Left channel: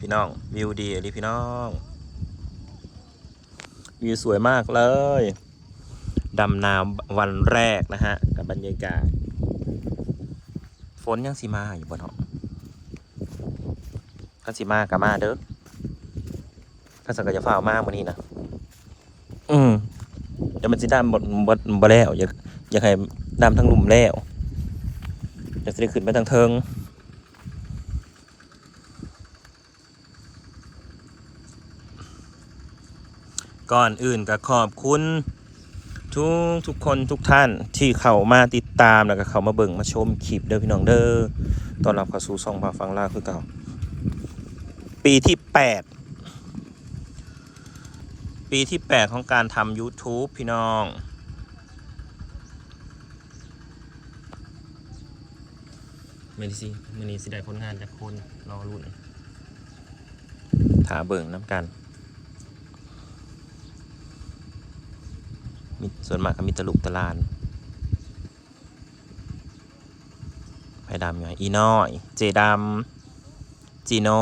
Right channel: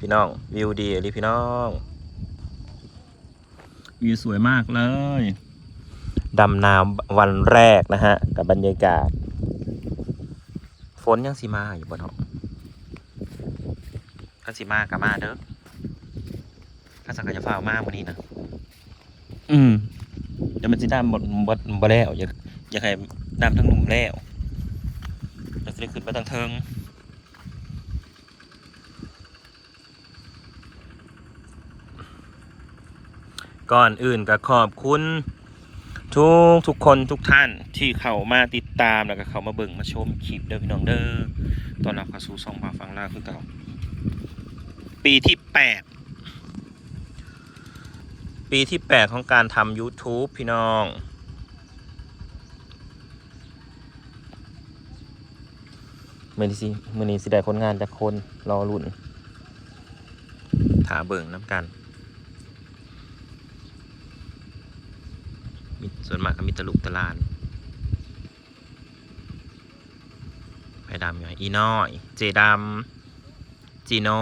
พี่น้อง วิวดีเลยพี่น้องวิวสวยมากเลยดำน้ำวันแรกนะฮะ กับบรรยากาศ ฝนยังสีมาอยู่บนห้องก็สีมากับมาเด้อข้าสังกัจะฝ่าวมากวันนี้นะอืมเดี๋ยวมันจะดำหมดหมดบ่แล้วอยากอยากให้ดำทั้งหลุมแล้วจะได้ขึ้นไปทางเทิง ก่อนอื่นก็ขอบคุณ ทุกทุกคนทุกท่านที่เข้ามาติดตามแล้วก็เข้ามาเบิ่งมาชมคลิปเด้อพี่น้องเด้อตอนรับเข้าสู่ช่องพาฟังลาคือเก่าปีที่แปดปีที่แปดของการทำ YouTube พี่น้องมื่อนี้สิมื่อนี้สิได้ผลงานจากคนรอรุ่นถาเบิ่งน้ำกัน ส่วนมากก็มีตะลุกตะลานไผ่ดำอยู่อีน้อย เจดำจีโน่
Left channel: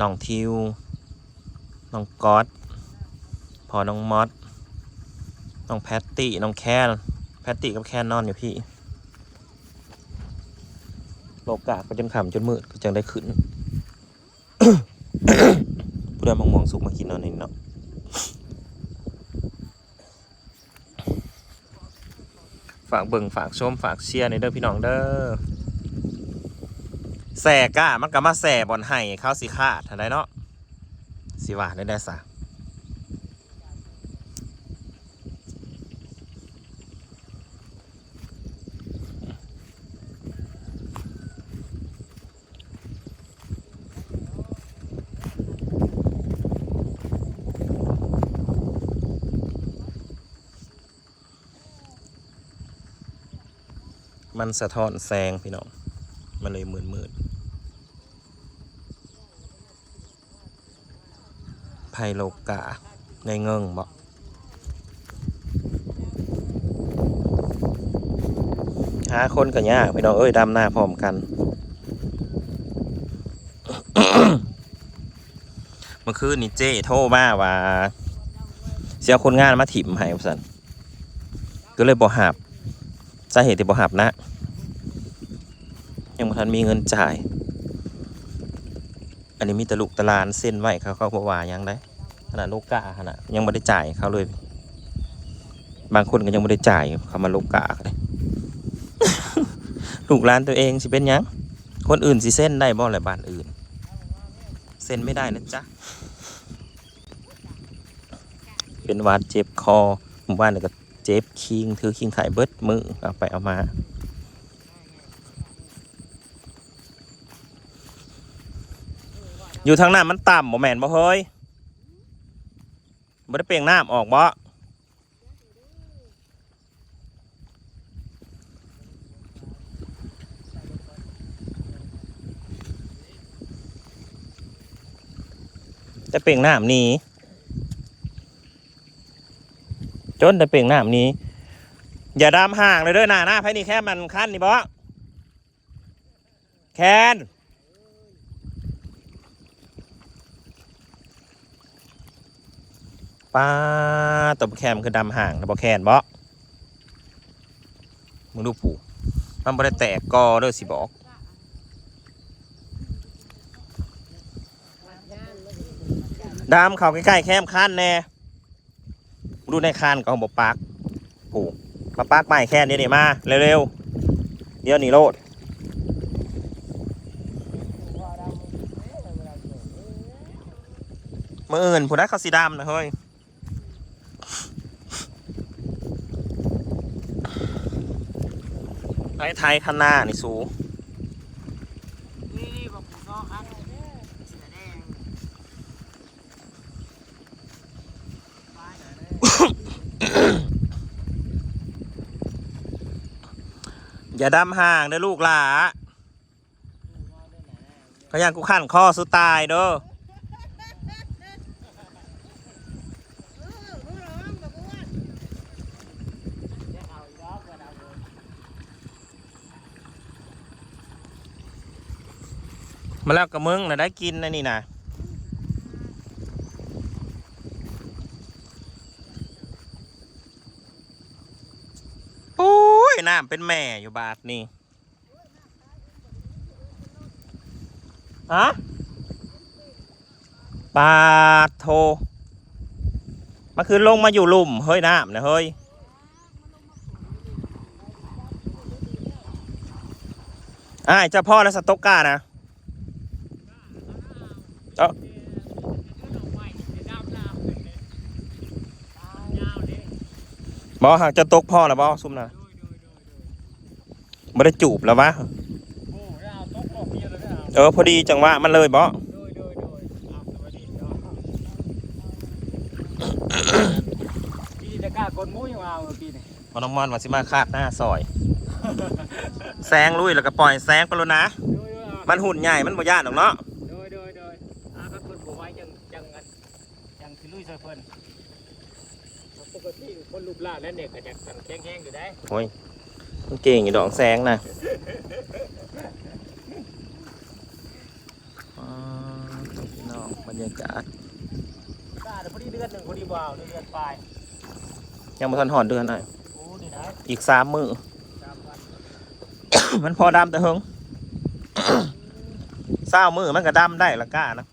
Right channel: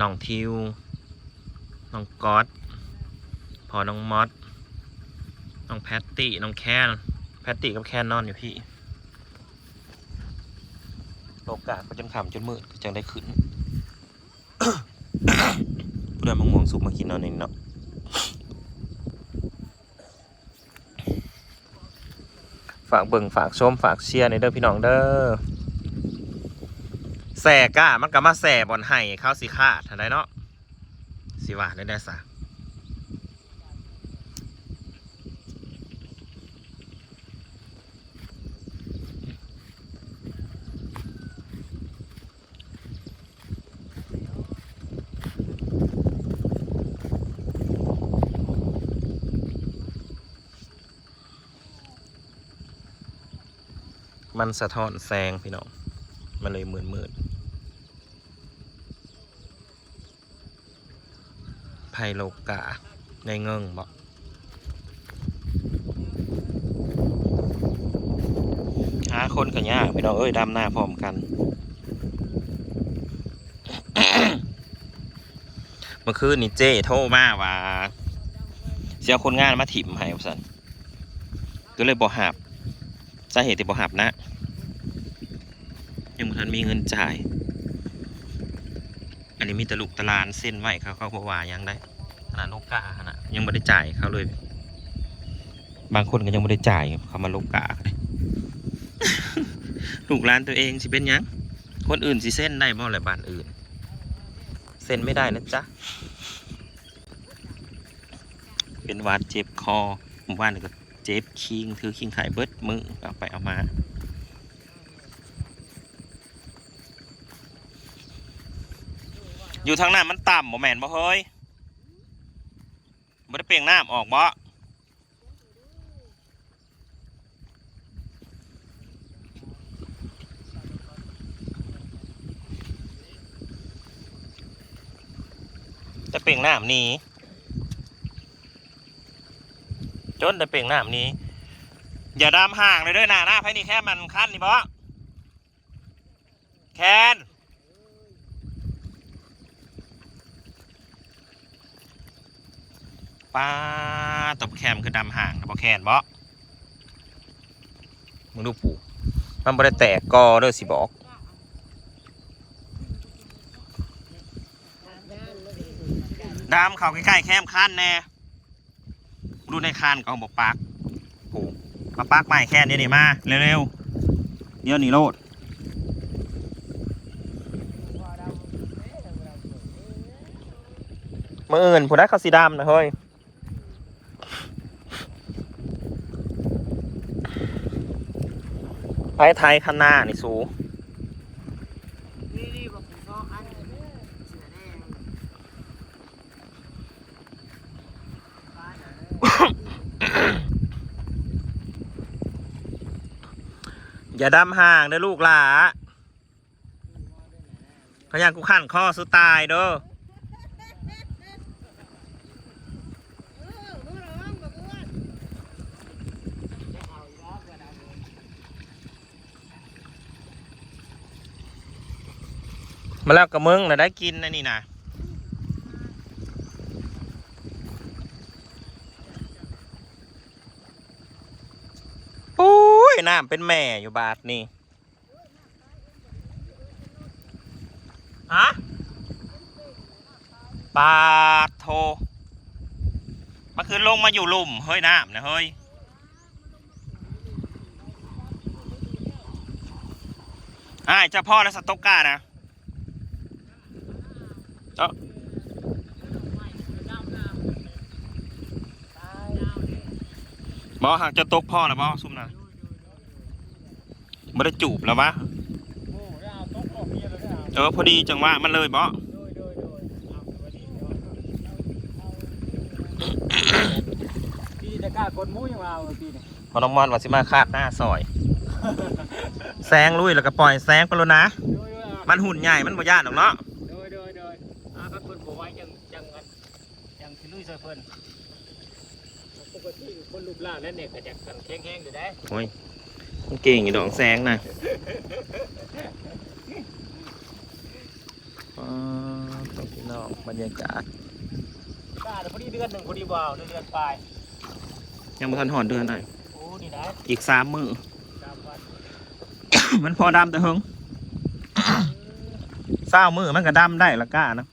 น้องทิว น้องก๊อตพอน้องมอสน้องแพตตี้ น้องแคนแพตตี้กับแคนนอนอยู่พี่โลกาไปจนขำจนมืดก็จังได้ขึ้นผู้ใดมองมองสุกมากินนอนนี่เนาะ ฝากเบิ่งฝากชมฝากเชียร์ในเด้อพี่น้องเด้อแสก้ามันก็มาแสบอลไห้เขาสิขาดทันได้เนาะสิว่าได้ได้สะ มันสะท้อนแสงพี่น้อง มันเลยมืดมืดไพโลกาในเงิงบอกหาคนกันยากพี่น้องเอ้ยดำหน้าพร้อมกันเมื่อคืนนี่เจ้โทรมาว่าเสียคนงานมาถิ่มให้สันก็เลยบอกหับ สาเหตุที่บอกหับนะ ยังบ่ทันมีเงินจ่าย อันนี้มีแตลุกตะลานเส้นไว้เขาเขาบอกว่ายังได้ขนาดลูกกาขนาดยังไม่ได้จ่ายเขาเลย บางคนก็ยังไม่ได้จ่ายเขามาลูกกาเลยลูกร้านตัวเองสิเป็นยังคนอื่นสิเส้นได้บ่อะไรบ้านอื่น เส้นไม่ได้นะจ๊ะเป็นวาดเจ็บคอหมู่บ้านเนี่ยก็ เจ็บคิงถือคิงไข่เบิดมือเอาไปเอามาอยู่ทางหน้ำมันต่ำบ่แม่นบ่เฮ้ยบ่ได้เปลียงน้ำออกบ่แต่เปลียงน้ำนี้ จนแต่เปลียงน้ำนี้ อย่าดำห่างเลยเด้วยนะหน้าไผนี่แค่มันขั้นนี่บ่แคนป้าตบแคมคือดำห่างตบแคนบ่มึงดูผูมันบ่ได้แตกกอเด้อสิบอกดำเขาใกล้ๆแคมคันแน่ ดูในคันก็บอกปักโผูมาปักใหม่แค่นี้นี่มาเร็วๆเดี๋ยวนี้โลดมื่ออื่นผู้ได้เขาสีดำนะเฮ้ยไอ้ไทยข้างหน้านี่สูงนี่บอกผมก็อันเสือแดงฟ้าหนาเลย อย่าดำห่างเด้อลูกหลาเขายังกูขั้นข้อสุดตายเด้อมาแล้วกับมึงนะได้กินนะนี่นะ ยน้ำเป็นแม่อยู่บาทนี่ฮะปาโทมันคือลงมาอยู่หลุมเฮ้ยน้ำนะเฮ้ยอ้าเจ้าพ่อและสต๊อกก้านะเอ้าบอหากจะตกพ่อแล้วบอซุ่มนะ ไม่ได้จูบแล้ววะโอ้ยเอาต๊อกออกเมียเลยนะเออพอดีจังหวะมันเลยบอโดยโดยโดยเอาสวัสดีเนาะพี่ตะกร้ากดหมูยังเอาพี่นี่พอน้องมอนว่าสิมาคาดหน้าซอย แซงลุยแล้วก็ปล่อยแซงไปแล้วนะ โดยโดยเอามันหุ่นใหญ่มันบ่ย่านหรอกเนาะโดยโดยโดยอาครับเพิ่นบอกไว้จังจังงันจังสิลุยซอยเพิ่นปกติคนรูปร่างนั่นเนี่ยก็จะกันแข็งๆอยู่ได้โอ้ย มันเก่งอยู่ดอกแซงนะอ๋อตรงพี่น้องบรรยากาศกล้าแต่พอดีเดือนหนึ่งพอดีบ่าวเดือนปลายยังไม่ทันหอดเดือนหน่อยโอ้นี่นะอีกสามมือจำไว้มันพอดำตัวเฮงเศร้ามือมันก็ดำได้ละก้านะ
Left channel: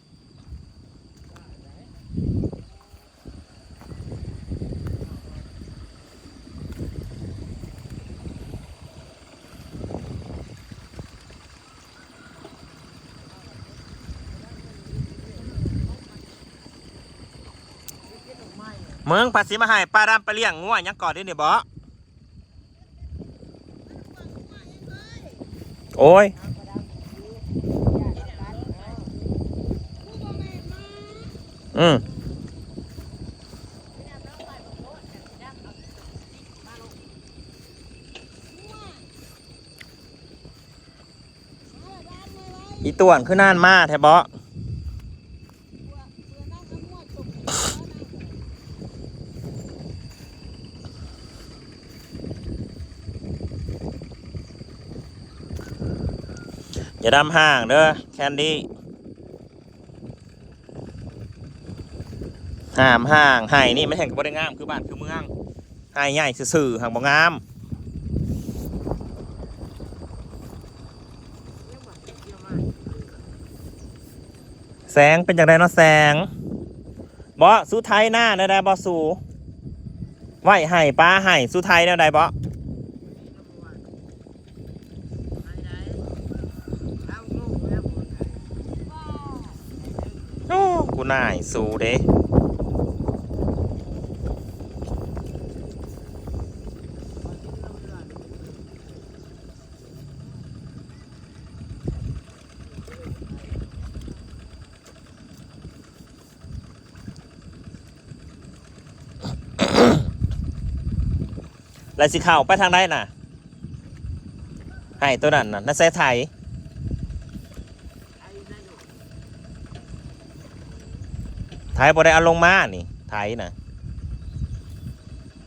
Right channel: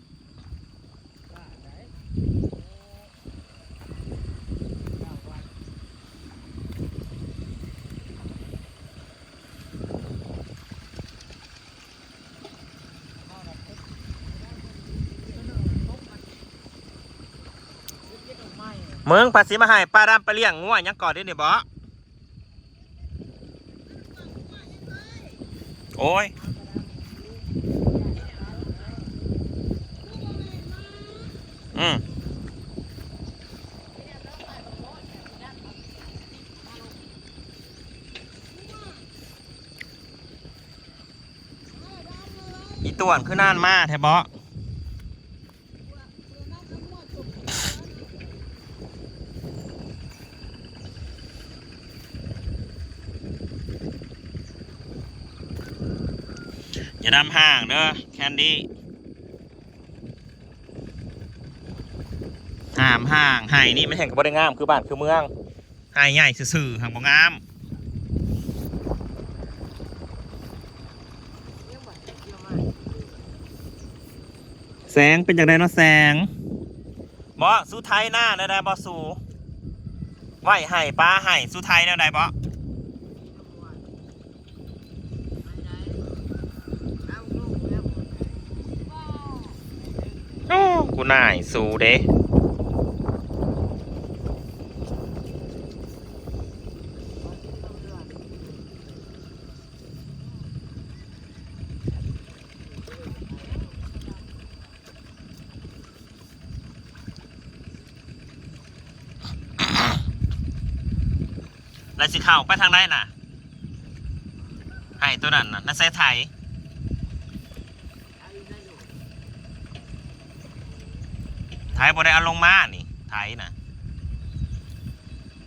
เมืองภาษีมาให้ปลาดำไปเลี้ยงงัวยังก่อนได้เนี่ยบอโอ้ยอืมอีต่วนคือน่านมาแทบะอย่า ดำห่างเด้อแคนดี้ห้ามห่างไห้นี่ไม่แห่งกับบ่ได้งามคือบ้านคือเมืองไห้ใหญ่ซื่อห่างบ่งามแสงเป็นอย่างไรเนาะแสงบ่สู้ไทยหน้าได้ได้บ่สู้ไหวไห้ป้าไห้สูไทยได้ได้บ่ไปไหนเอาลูกแล้วหมดไหน โอ้ กูน่ายสูเด้แล้วสิเข้าไปทางไหนน่ะไห้ตัวนั้นน่ะน่าแซ่ไทย เอาอีกแล้วลูก ไทยบ่ได้เอาลงมานี่ไทยนะ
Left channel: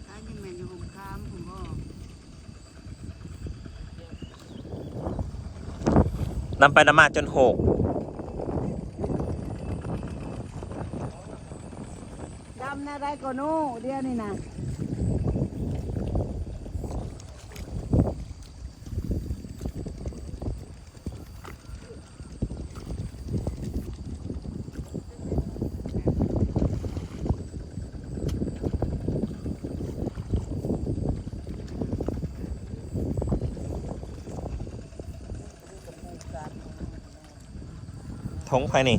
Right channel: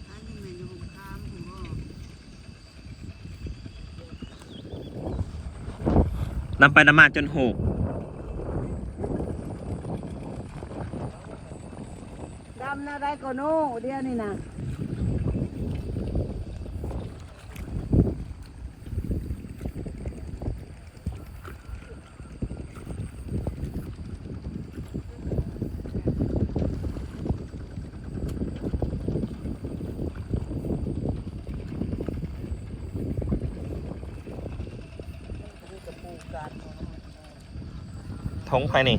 ถ้ายังไม่อยู่ผมค้ามผมก็นำไปนำมาจนหกดำนาได้ก็โน่เดียวนี่นะ ทงไปนี่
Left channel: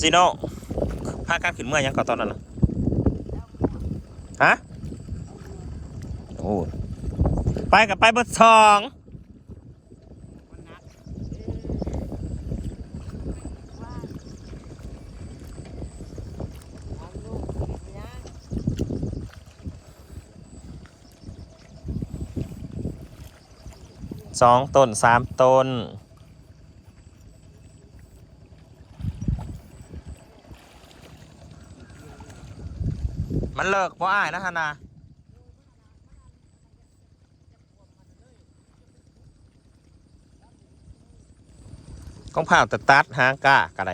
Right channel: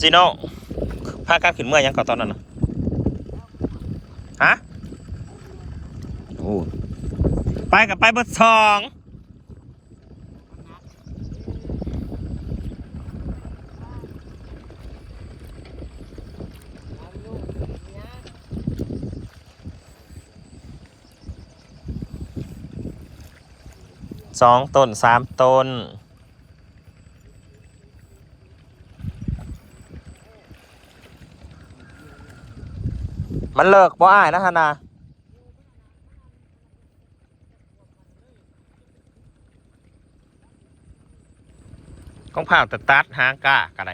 จีโน่พาการขึ้นเมื่อยังก่อนตอนนั้นนะฮะโอ้ไปกับไปเบอร์สอง เอาลูกเนี่ย สองต้นสามต้น มันเลิกบ่อ้ายนะฮะนาของผ่าวแต่ตัดหางก้ากอะไร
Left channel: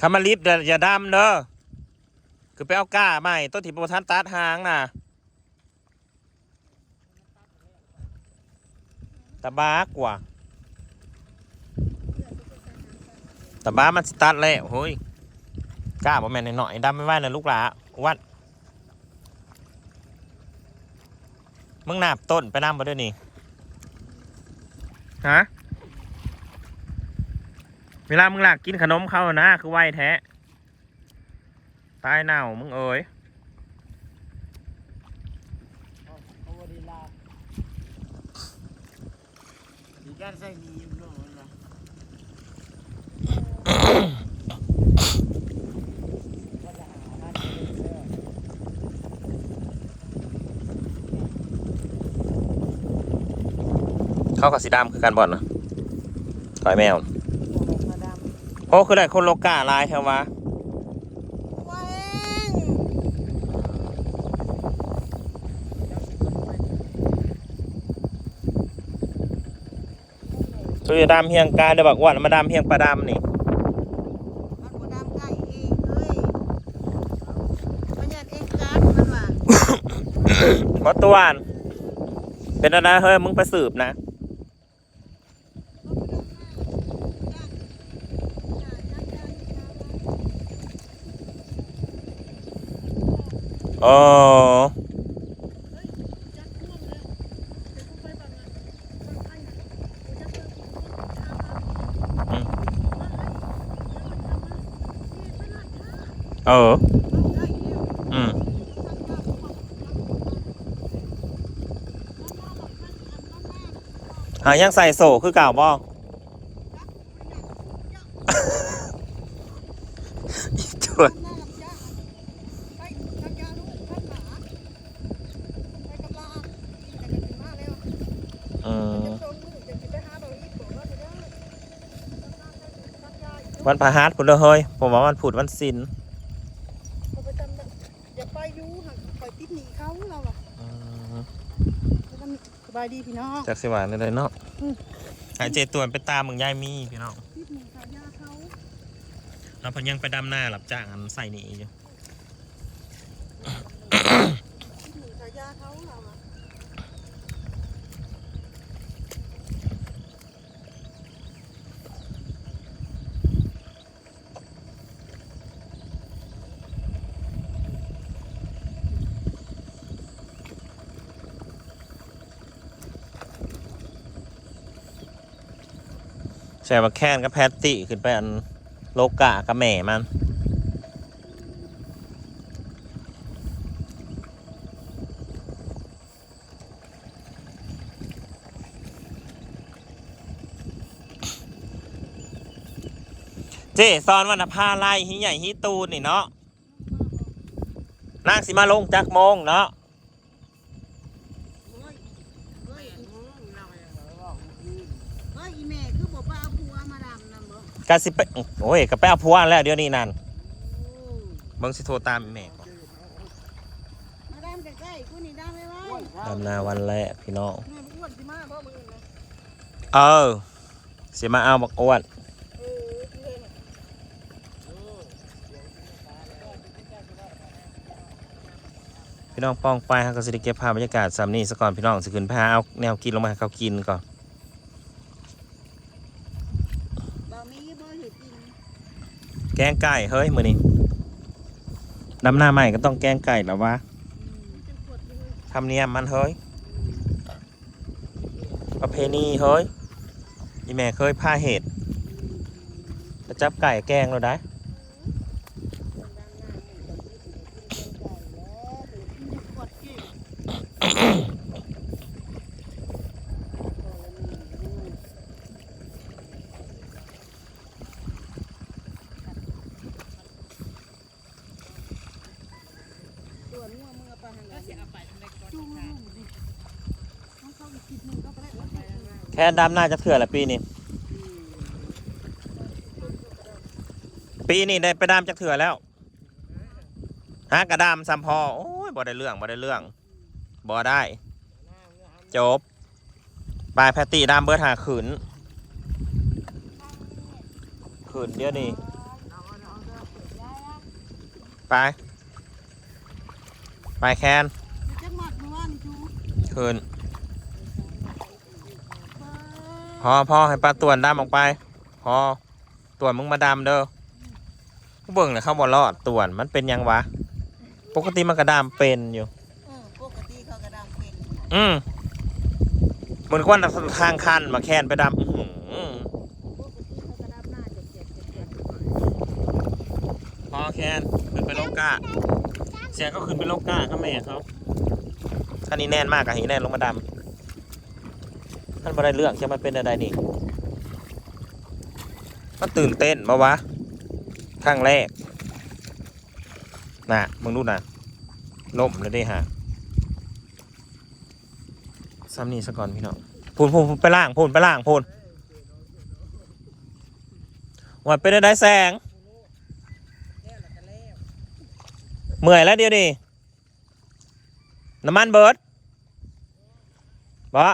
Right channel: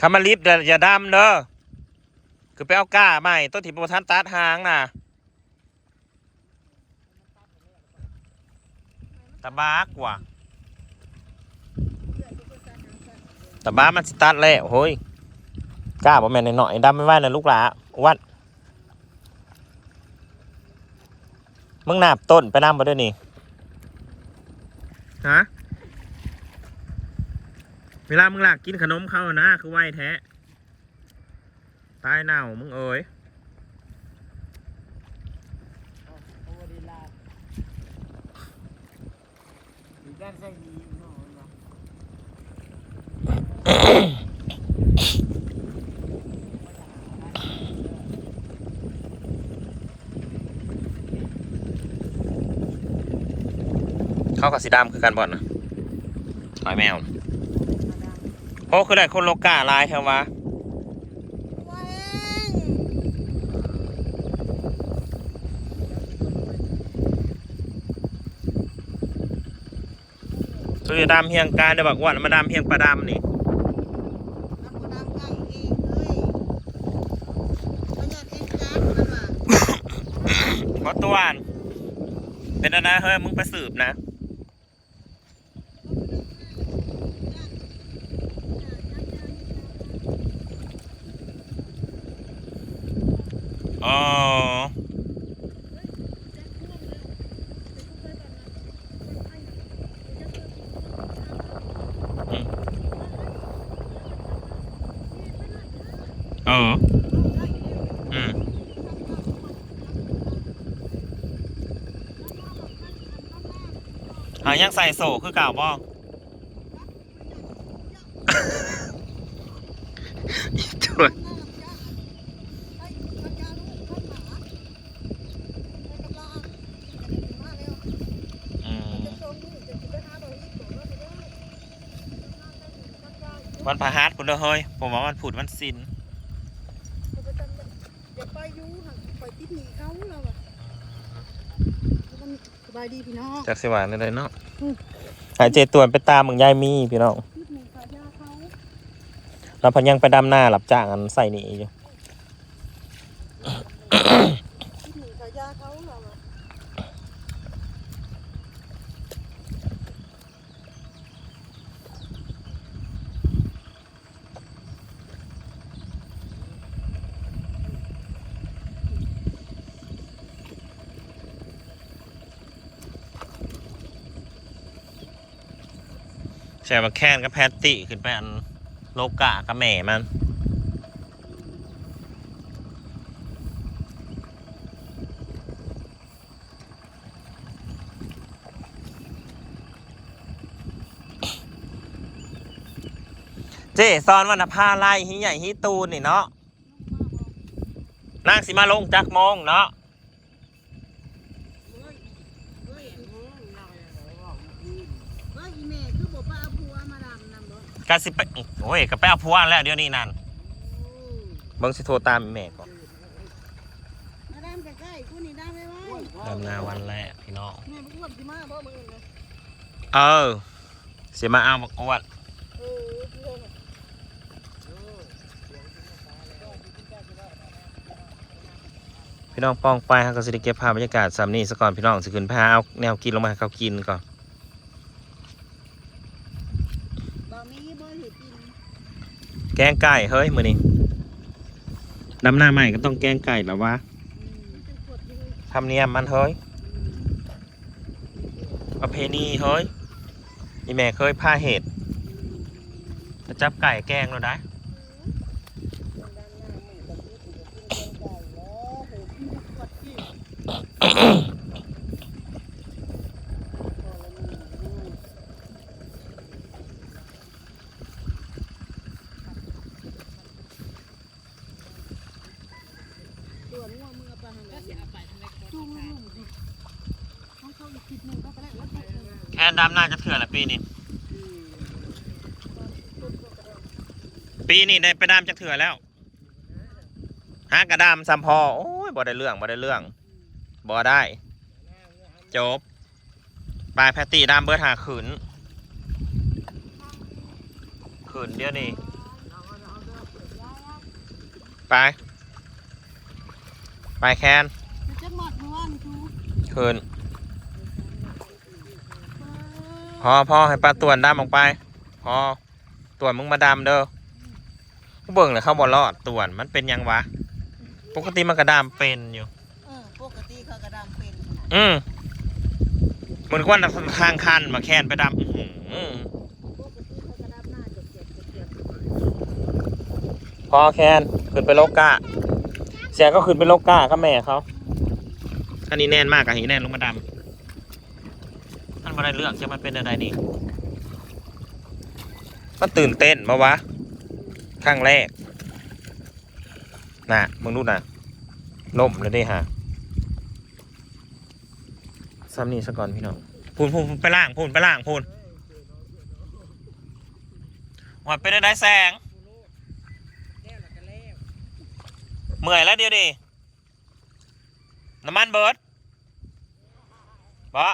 คำมาลิฟต์อย่าดำเด้อคือไปเอาก้าใหม่ต้นที่โปรทันตัดหางน่ะ ตะบากว่ะตะบ้ามันสตาร์ทแล้วเฮ้ยกล้าบ่แม่นหน่อยๆดำไม่ไหวนะลูกหลาวัดมึงนาบต้นไปน้ำมาด้วยนี่ฮะเวลามึงหลักกินขนมเขานะ คือไหวแท้ตายเน่ามึงเอ๋ย เอาเอาวดีลามี การใส่หนีอยู่โน่นนะเข้ากับสีดำคือกันบ่อนนะต่อยแมวมาดังโอ้คือได้คนโลกาลายแค่วะว้าว ตัวดำเฮียงกายได้บอกว่ามาดำเฮียงปลาดำนี่มันมาดังไก่เองเฮ้ยมันอยากเอ็นการ์ดมันว่าเพราะตัวอันเป็นอะไรเฮ้ยมึงไปสืบนะอ๋อ เออ อืมอะยังใส่โซ่คือเก่าบ่อีจวนอืมวันพฤหัสคุณเด้อเฮ้ยผมว่าวันพุธวันศิล อย่าไปยูหักปล่อยติดหนีเขาเราอะสบายดีพี่น้องจากสิหวานเลยเนาะอืมหายเจตวนไปตามมึงยายมีพี่น้องติดหนีขายาเขาแล้วพันยังไปดำหน้าหลับจ้างอันใส่นี่อยู่ ติดหนีขายาเขาเราอะ ใช่ว่าแค้นกับแพตตี้ขึ้นไปอันโลกากับแม่มันเจ้ซอนวันผ้าไล่หิใหญ่หิตูนนี่เนาะนางสิมาลงจักโมงเนาะ แม่โมงเราอย่างไรบอกคืนว่าอีแม่คือบอกว่าเอาผัวมาดำนำบ่ กาสิไปโอ้ยก็ไปเอาพวงแล้วเดี๋ยวนี้นั่นโอ้เบิ่งสิโทรตามอีแม่ก่อนมาดำใกล้ๆกูนี่ดำไว้ไว้ดำนาวันแรกพี่น้องแม่บอกว่าสิมาเพราะมึงนะเออเสียมาเอาบักอ้วนเออเพื่อนน่ะพี่น้องป้องไปฮะก็สิได้เก็บภาพบรรยากาศสามนี้ซะก่อนพี่น้องสิขึ้นพาเอาแนวกินลงมาให้เขากินก่อน บ่มีบ่เห็ดกิน แกงไก่เฮ้ยมือนี้ดำหน้าใหม่ก็ต้องแกงไก่แล้ววะทำเนียมมันเฮ้ยประเพณีเฮ้ยอีแม่เคยพาเห็ดแล้วจับไก่แกงเราได้ คนดำหน้าหมู่กับที่ถูกกินเป็นไก่แล้วโหกินขวดกินตัวงัวมึงเอาไปให้แล้วสิเอาไปทางใดก็จุ่มลงดิต้องเข้าอีกคลิปหนึงก็ไปได้แล้วไปทาง นั้นแค่ดำหน้าจะเถื่อละปีนี้อืมปีนี้ได้ไปดำจะเถื่อแล้วฮะกระดำซัมพอโอ้ยบ่ได้เรื่องบ่ได้เรื่องบ่ได้ จบปลายแพตตี้ดำเบิร์ดหาขืนขืนเดียวนี่ไป ไปแคนมันจะหมัดเมื่อวานจู คืน พอพอให้ปลาตวนดำออกไป พอตวนมึงมาดำเด้อกูเบิ่งเลยเข้าบอลอดตวนมันเป็นยังวะ ปกติมันกระดามเป็นอยู่ เออปกติเขากระดามเป็นขนาดอืมเหมือนกว่าทางคันมาแคนไปดำอื้อหือปกติเขากระดามหน้าเจ็บเจ็บเจ็บเจ็บพอแคนขึ้นไปโลกาเสียก็ขึ้นไปโลกาก็แม่เขาอันนี้แน่นมากอะหีแน่นลงมาดำ มันไม่ได้เรื่องใช่มันเป็นอะไรนี่ มันตื่นเต้นมาวะครั้งแรก น่ะ มึงดูน่ะล่มเลยเด้ฮะซ้ำนี่ซะก่อนพี่น้องพูนพูนไปล่างพูนไปล่างพูนวัดเป็นอะไรแสงแล้วแล้วก็แล้วเมื่อยแล้วเดี๋ยวดิน้ำมันเบิร์ดบะ